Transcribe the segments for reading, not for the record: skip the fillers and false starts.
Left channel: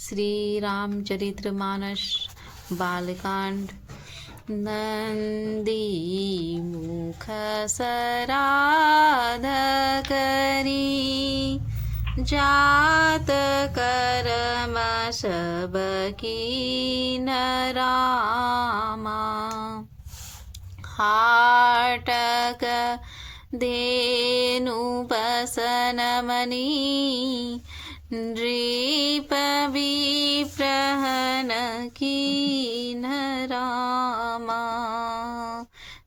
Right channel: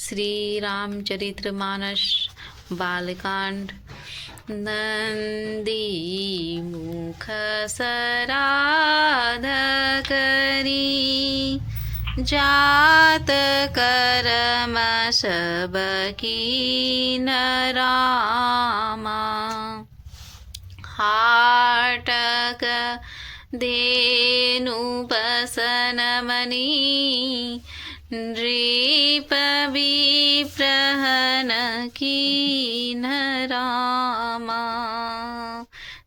श्री रामचरितमानस बालकांड। नंदी मुख सराध करी, जात करम सब कीन रामा। हाटक धेनु बसन मनी, नृप विप्रहन कीन रामा।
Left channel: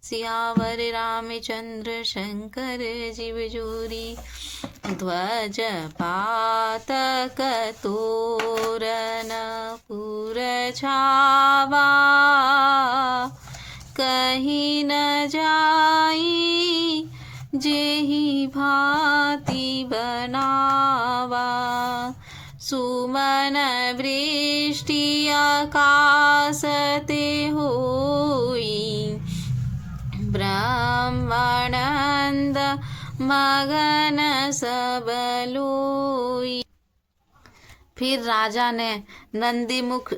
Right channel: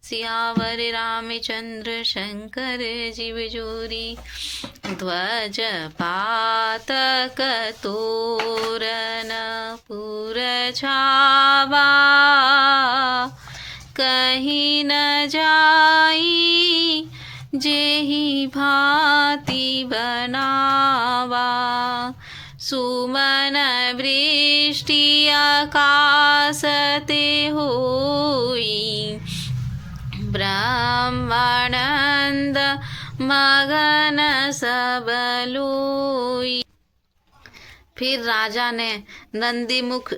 सियावर रामचंद्र शंकर जीव जोरी, ध्वज पातक तोरन पुर छावा। कहीं न जाई जेहि भांति बनावा। सुमन वृष्टि आकाश ते होई, ब्रह्मानंद मगन सब लोई। फिर राजा ने नंदीमुख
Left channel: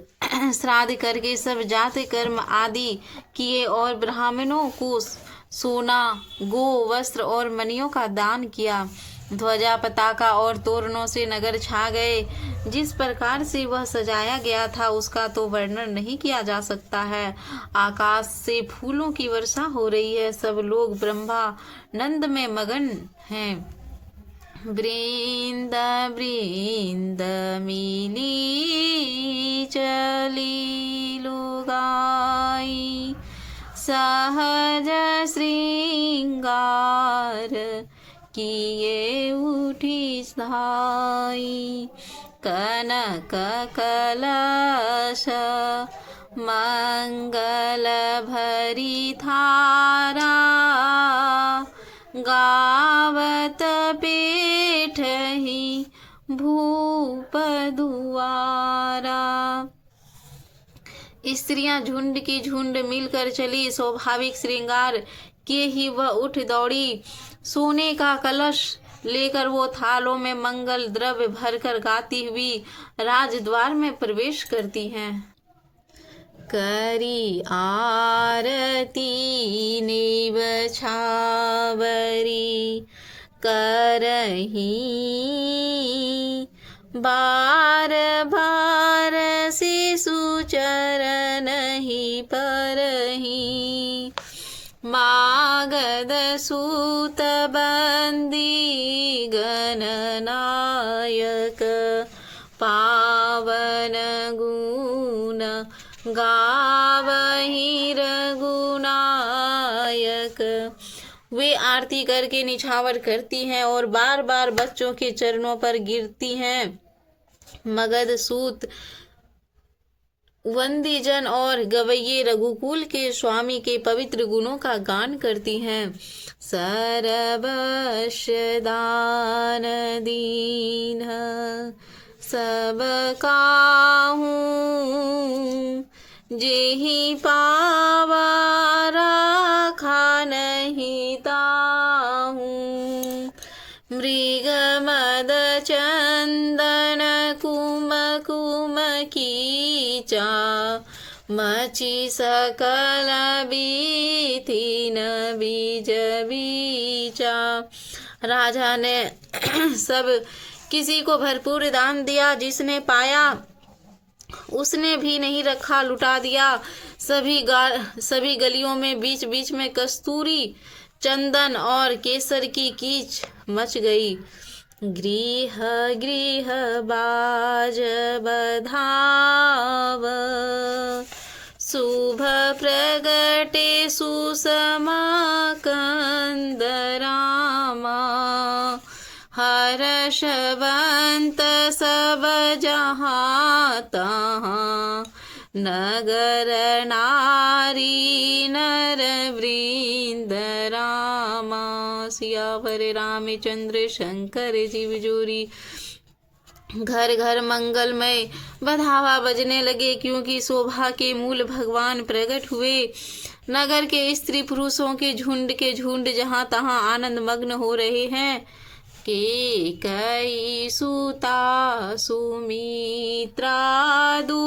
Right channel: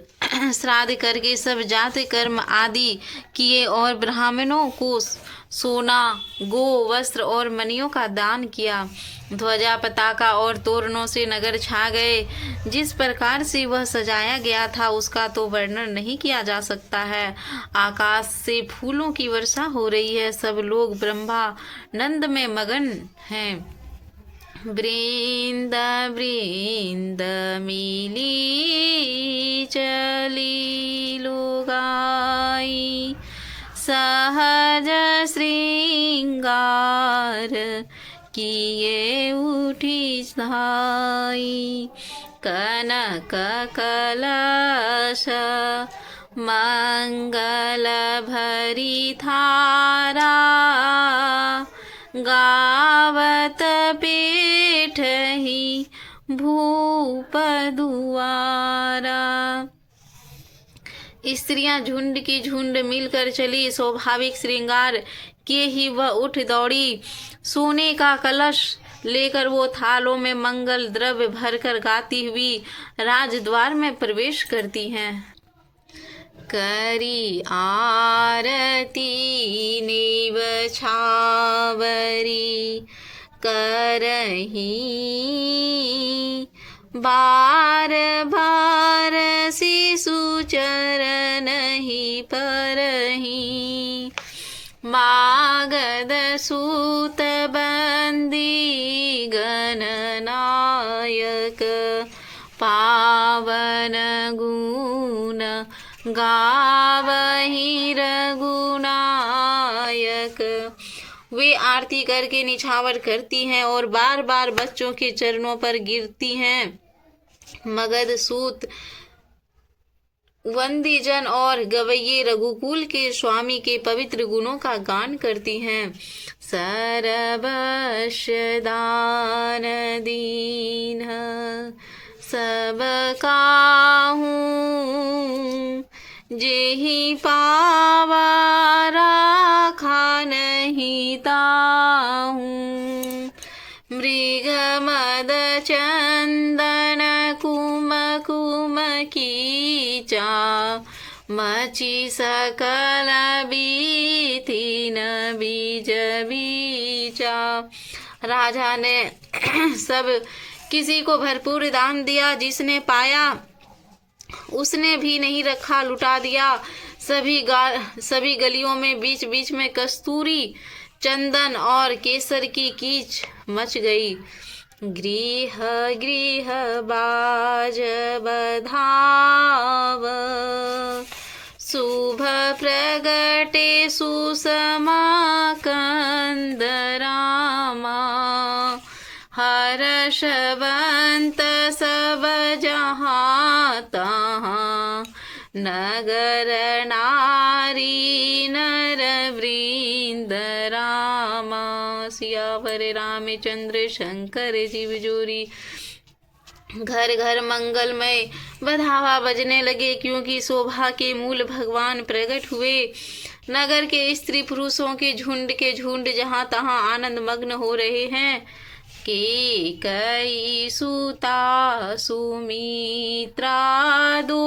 श्राद्ध करके सब जाति कर्म आदि किए और ब्राह्मणों को सोना, गो, वस्त्र और मणियों का दान किया। ध्वजा, पताका और तोरणों से नगर छा गए। जिस प्रकार से वह सजाया गया था उसका तो वर्णन नहीं किया जा सकता है। आकाश से फूलों की वर्षा हो रही है। सब लोग ब्रह्मानंद में मगन हैं। वृंद वृंद मिली चली लुगाई, सहज श्रृंगार किए उठी धाई। कनक कलश मंगल भरी थारा, गावत पेठही भूप दुआरा। स्त्रियां झुंड की झुंड मिलकर चली। स्वाभाविक श्रृंगार किए ही वह उठ दौड़ी। सोने का कलश लेकर वो थालों में मंगल द्रव्य भरकर गाती हुई राजद्वार में प्रवेश करती हैं। करी आरती नीव छावरी, करही बार बार शिशु चरण ही परही। मागध सूत बंदी गणनायक, पावन गुण गावहि रघुनायक। वे आरती करके निछावर करती हैं और बार बार बच्चों के चरणों पर गिरती हैं। मगध सूत वंदीजन और गवैये रघुकुल के स्वामी के पवित्र गुणों का गान करती हैं। सर्वश दान दीन सब काहूँ, जेहि पावा राखा नहीं ताहूँ। मृग मद चंदन कुम कुम कीचा, मची सकल बीथी न बीज बीचा। राजा ने सब किसी को भरपूर दान दिया। जिसने पाया उसने भी नहीं रखा, लुटा दिया। सभी गलियों में बीच बीच में कस्तूरी, चंदन और केसर की कीच मच गई। गृह गृह बाज बधाव, शुभ प्रगटे सुषमा कंद रामा। हर्षवंत सब जहाँ तहाँ, नगर नारी नर वृंद रामा। सियावर रामचंद्र शंकर जीव जोरी। घर घर मंगलमय बधावा बजने लगे, क्योंकि शोभा के मूल भगवान प्रकट हुए। नगर के स्त्री पुरुषों के झुंड जहाँ तहाँ आनंद मग्न हो रहे हैं। केकयी सुता सुमित्रा दो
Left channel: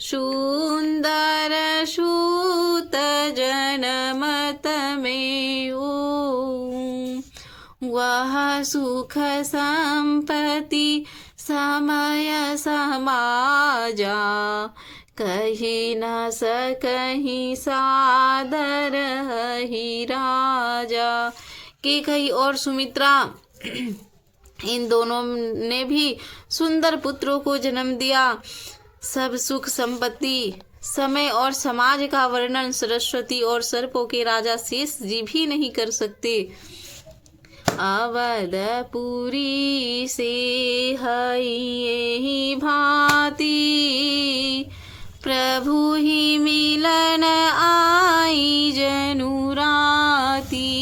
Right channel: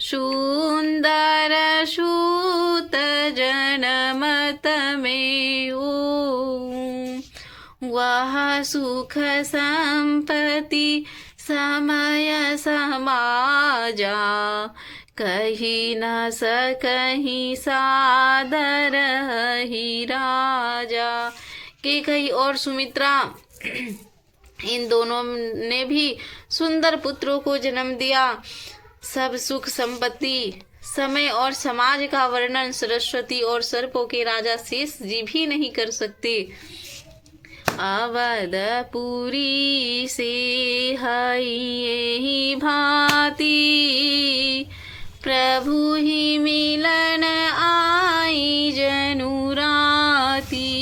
सुंदर सूत जनमत में वह सुख संपत्ति समय समाजा कही न सकहीं सादर ही राजा। केकई और सुमित्रा इन दोनों ने भी सुंदर पुत्रों को जन्म दिया। सब सुख संपत्ति समय और समाज का वर्णन सरस्वती और सर्पों के राजा शेष जी भी नहीं कर सकते। अवधपुरी से हई यही भांति प्रभु ही मिलन आई जनु राती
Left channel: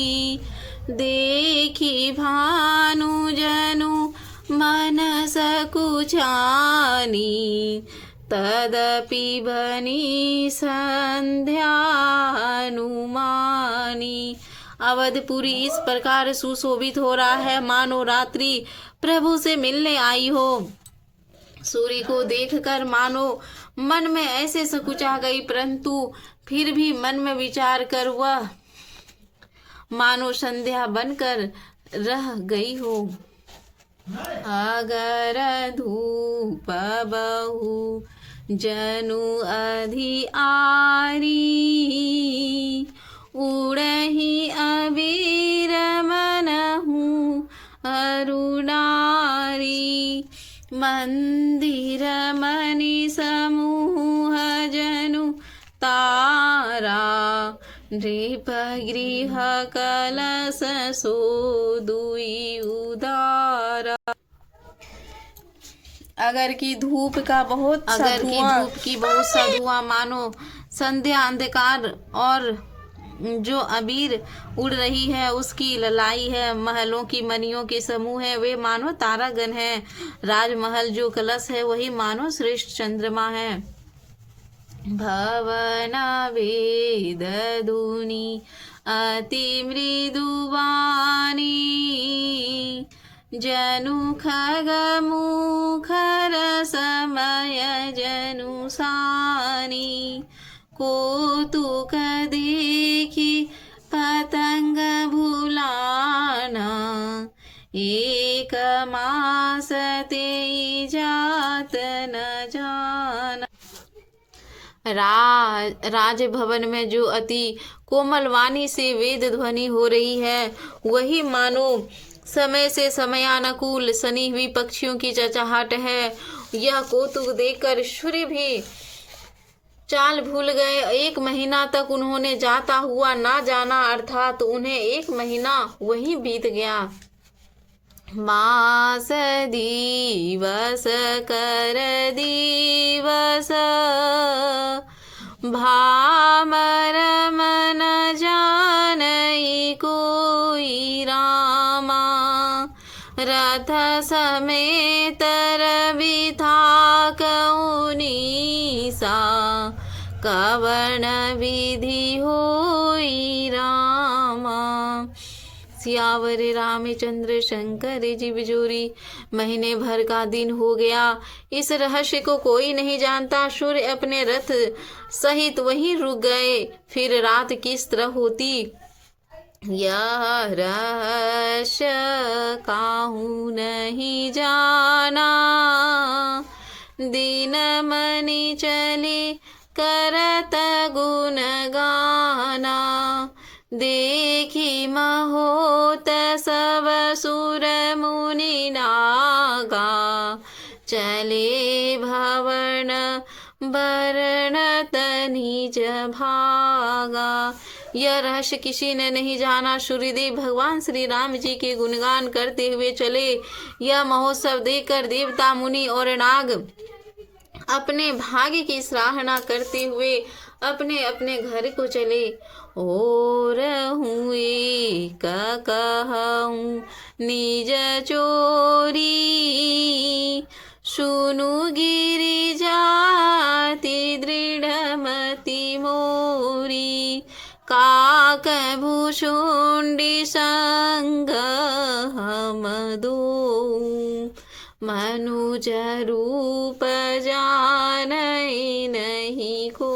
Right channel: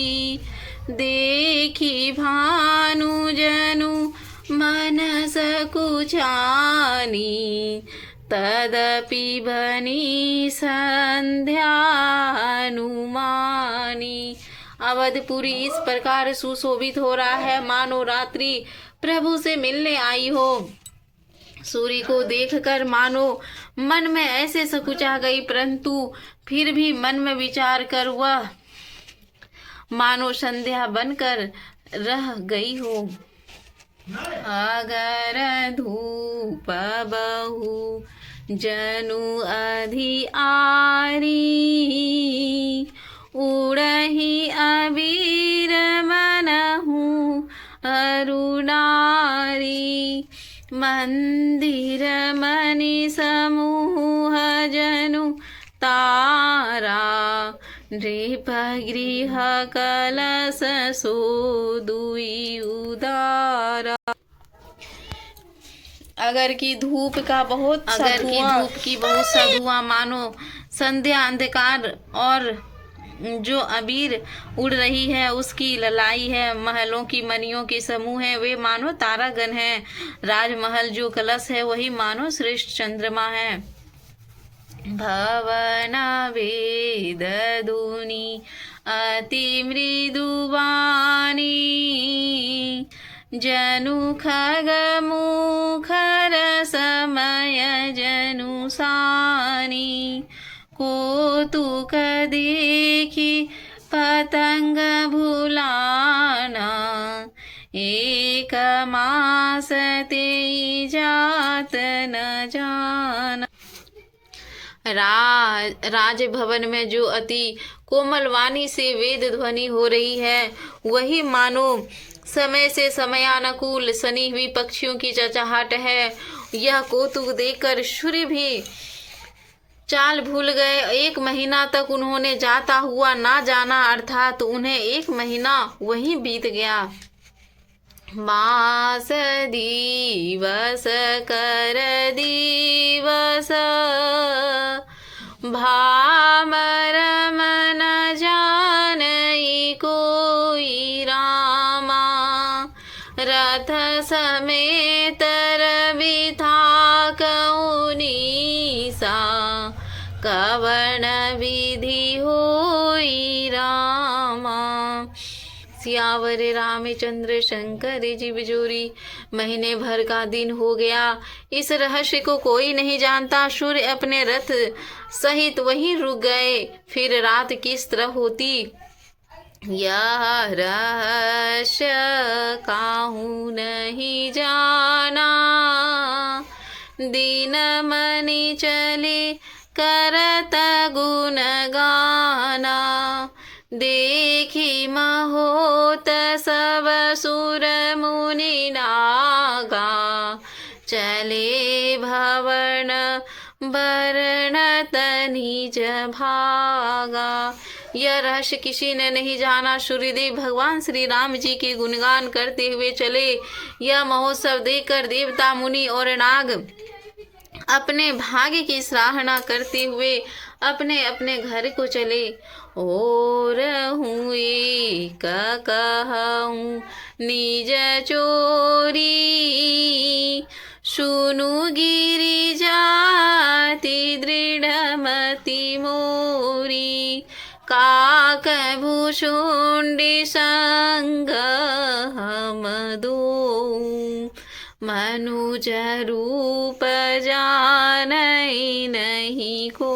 देखी भानु जनु मन सकुचानी तदपि बनी संध्या अनुमानी। अवधपुरी इस प्रकार सुशोभित हो रहा है मानो रात्रि प्रभु से मिलने आई हो। सूर्य को देखकर मानो मन में ऐसे सकुचा गई, परंतु फिर भी मन में विचार कर वह मानो संध्या बनकर रह गई हो। अगर धूप बहु जनु अधि आरी उड़ही अबीर मनहु अरुणारी मंदिर मणि समूह जनु तारा नृप गृह कलश सो दुई उदारा। अगर की धूप की बहुत सा धुआं मानो संध्या अंधकार और जो अबीर उड़ रही है उसकी ललाई है। महलों की मणियों के समूह है वे मानो तारागण है। राजमहल जो कलश है वही मानो श्रेष्ठ चंद्रमा है। भवन वेद धुनि अति मृदुवानी जनु खग मुखर समय जनु सानी कौतुक देखी पतंग भुलाना एक मास ते जात न जाना। राजभवन में जो अति कोमल वाणी से वेद ध्वनि हो रही है वही मानो समय से समयानुकूल सनी हुई पक्षियों की चहचहाट है। यह कौतुक देखकर सूर्य भी चाल भूल गए। 1 महीना तक उन्होंने जाता हुआ ना जाना, अर्थात उन्हें 1 महीना वहीं बीत गया। मास दिवस कर दिवस भामर मन जानई कोई रामा रथ समेत रवि था कौनीसा कवन विधि होई रामा। सियावर रामचंद्र शंकर जी बिजोरी। महीने भर का दिन हो गया, इस रहस्य को कोई नहीं जानता। सूर्य अपने रथ सहित वहीं रुक गए। फिर रात किस तरह होती यह रहस्य काहू नहीं जाना। दिन मनि चले करत गुण गाना देखी महोत सब सुर मुनि नागा चले भवन बरनत निज भागा। यह रहस्य किसी ने नहीं जाना। सूर्यदेव भगवान श्री राम जी के गुणगान करते हुए चले। यह महोत्सव देखकर देवता मुनि और नाग अपने भाग्य की सराहना करते हुए अपने अपने घर को चले। और हुए का कहूँ निज चोरी सुनु गिरि जाति दृढ़ मति मोरी। का भूषुंडी संग हम दो, मनुज रूप जानई नहीं को।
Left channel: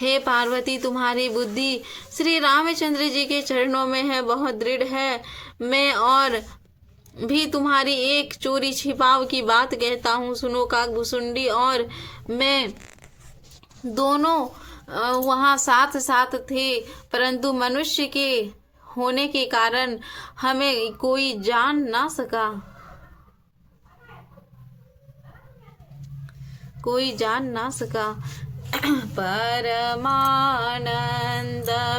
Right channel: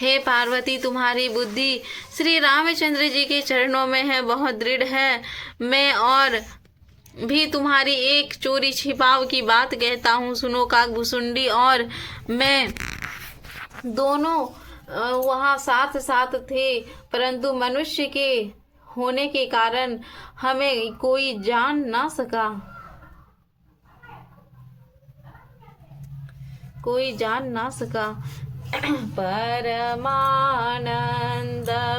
हे पार्वती, तुम्हारी बुद्धि श्री रामचंद्र जी के चरणों में है, बहुत दृढ़ है। मैं और भी तुम्हारी एक चोरी छिपाव की बात कहता हूँ, सुनो। काकभूषुंडी और मैं दोनों वहाँ साथ साथ थे, परंतु मनुष्य के होने के कारण हमें कोई जान ना सका, कोई जान ना सका। परमानंद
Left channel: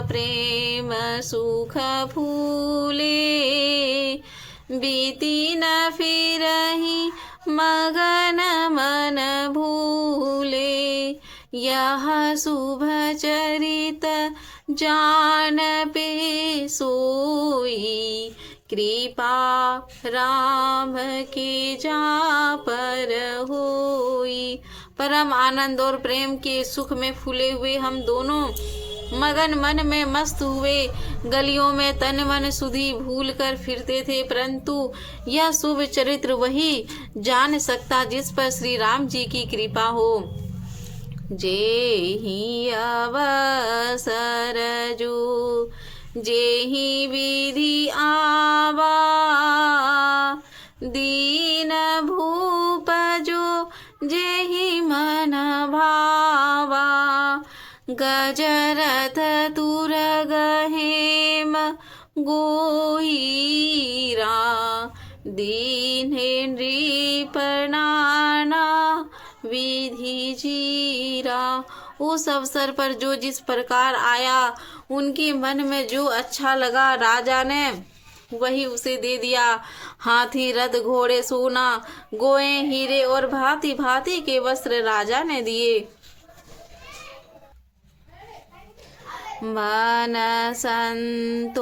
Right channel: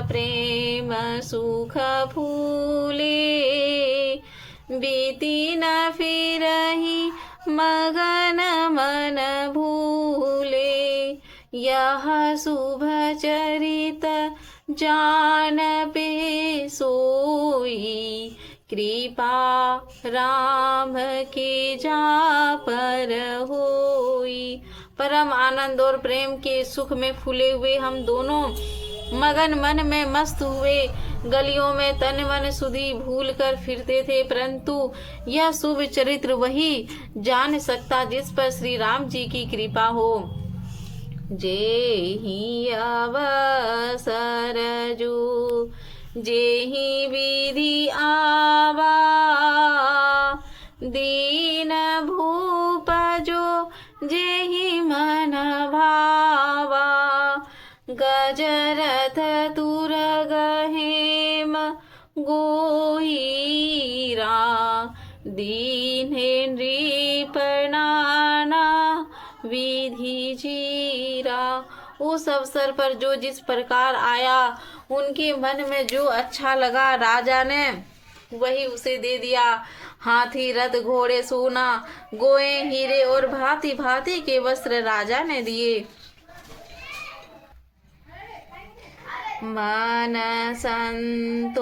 प्रेम सुख फूले, बीती न फिरहि मगन मन भूले। यह शुभ चरित जान पे सोई, कृपा राम के जा पर होई। परम आनंद और प्रेम के सुख में फूले हुए हम दोनों मगन मन में मस्त हुए गलियों में तन मन सुधि भूल कर फिरते थे, परंतु यह शुभ चरित्र वही जान सकता जिस पर श्री राम जी की कृपा हो। जेहि अवसर जो जेहि विधि आवा, दीन भूप जो जेहि मन भावा। गजरथ तुरग हेम गोहीरा, दीन नृप नाना विधि जीरा। उस अवसर पर जो जिस प्रकार आया, उनके मन में जो अच्छा लगा, राजा ने वही उसे दे दिया। हाथी रथ घोड़े सोना गोए हीरे और भांति भांति के वस्त्र राजा ने दिए। मन संतोषे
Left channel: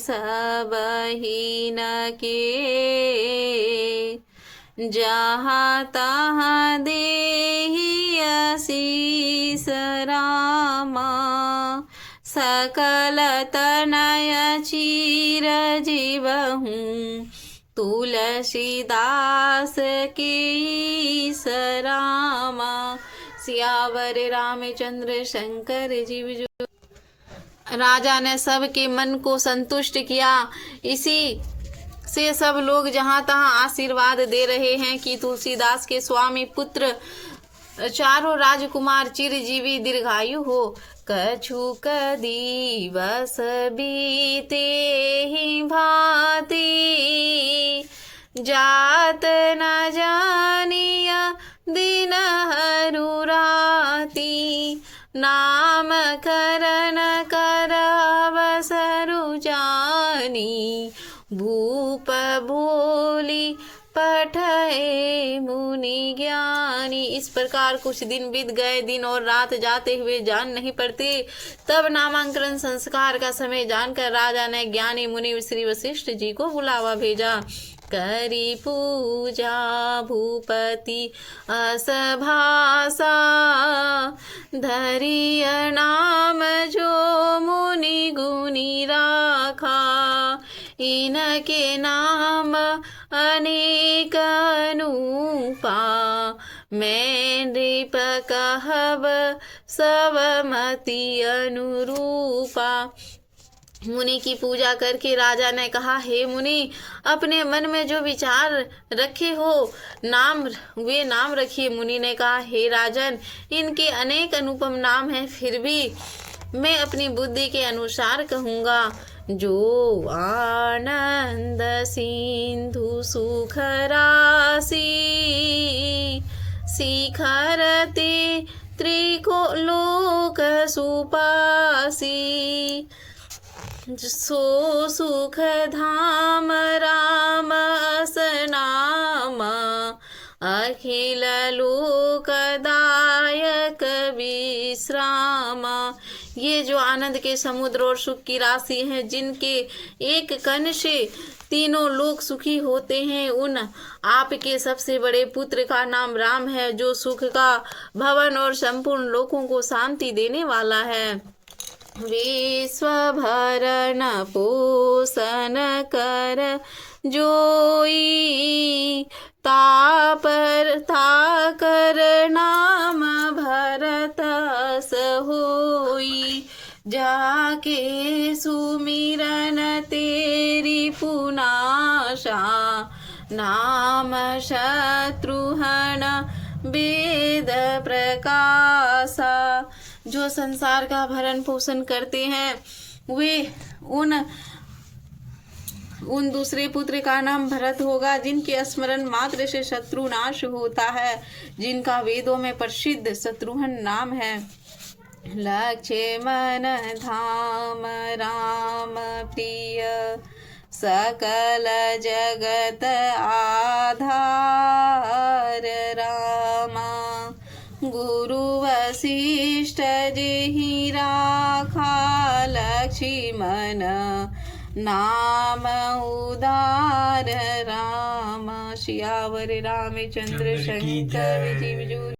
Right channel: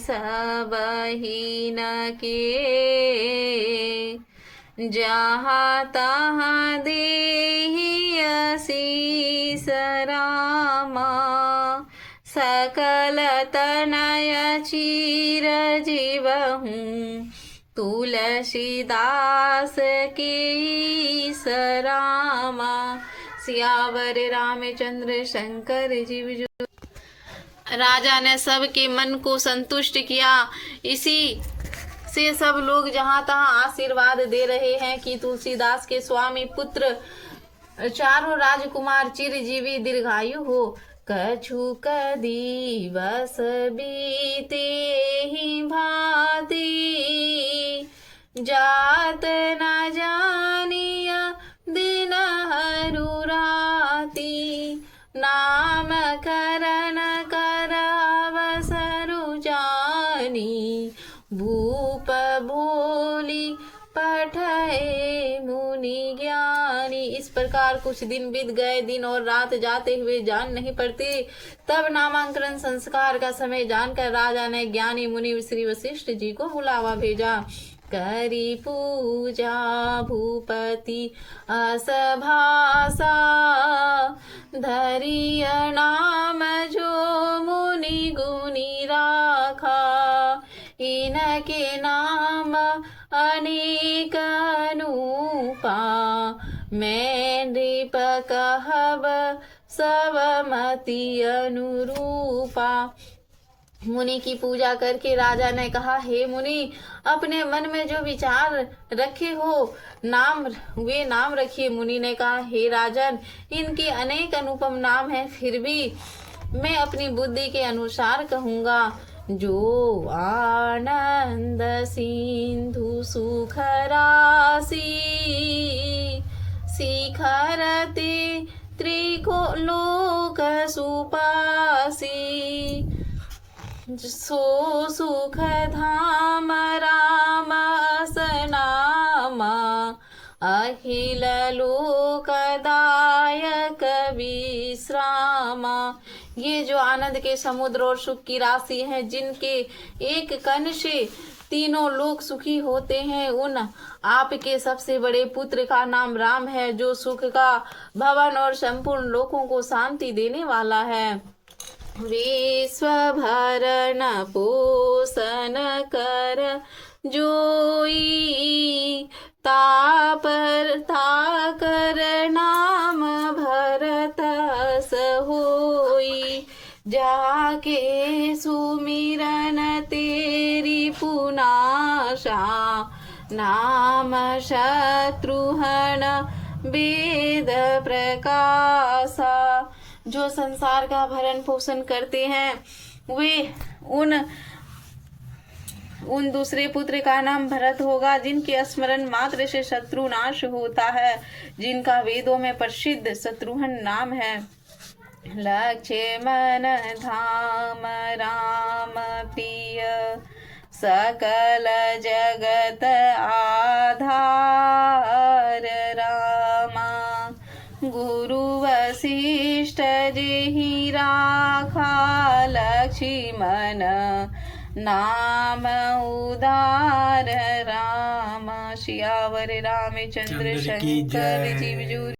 सब हीन के, जहाँ तहाँ देहि आशीष रामा। सकल तनय चीर जीवहूँ, तुलसीदास के सरामा। सियावर रामचंद्र शंकर जीव जो। राजा ने सबके मन को संतुष्ट किया। इसी से सब लोग जहाँ तहाँ आशीर्वाद दे रहे हैं कि तुलसीदास के स्वामी पुत्र चारों राजकुमार चिरजीवी दीर्घायु हो। कछुक दिवस बीते ही भांति, जात न जानिया दिन हरू राती। नाम करन कर अवसरु जानी, भूप बोली पठे मुनि ज्ञानी। इस प्रकार कुछ दिन बीत गए। दिन और रात जाते हुए जान नहीं पड़ते। तब नामांकन संस्कार का समय जानकर राजा ने ज्ञानी मुनि श्री वशिष्ठ जी को बुलावा भेजा। करी पूजा भूपति असभासा, धरिय नाम जो मुनि गुनी राखा। इनके नाम अनेक अनूपा, मैं नृप कहब सब मति अनुरूपा। मुनि की पूजा करके राजा ने कहा, हे मुनि, अपने मन में जो विचार रखे हो वे नाम रखिए। मुनि ने कहा, हे राजन, इनके अनेक अनुपम नाम हैं, फिर भी मैं अपनी बुद्धि के अनुसार कहूँगा। जो आनंद सिंधु सुख राशि, शिखरते त्रिलोक सुपासी। सो सुख धाम राम असनामा, अखिल लोकदायक विश्रामा। ये जो आनंद के समुद्र और सुख की राशि है, जिनके एक कण से तीनों लोग सुखी होते हैं, उन आपके सबसे बड़े पुत्र का नाम राम है, जो सुख का भवन और संपूर्ण लोकों को शांति देने वाला है। विश्व भरण पोषण कर जोई, ताकर नाम भरत होई। जाके सुमिरन तेरी पुनाशा, नाम शत्रुघ्न वेद प्रकाशा। जो संसार का भरण पोषण करते हैं वे उन दूसरे पुत्र का नाम भरत होगा, जिनके स्मरण मात्र से शत्रु नाश होता है, जिनका वेदों में प्रसिद्ध शत्रुघ्न नाम है। लक्ष्मण धाम राम प्रिय, सकल जगत आधार रामा। गुरु वशिष्ठ जेहि राखा, लक्ष्मण नाम उदार राम। सियावर रामचंद्र शंकर जीव जूर।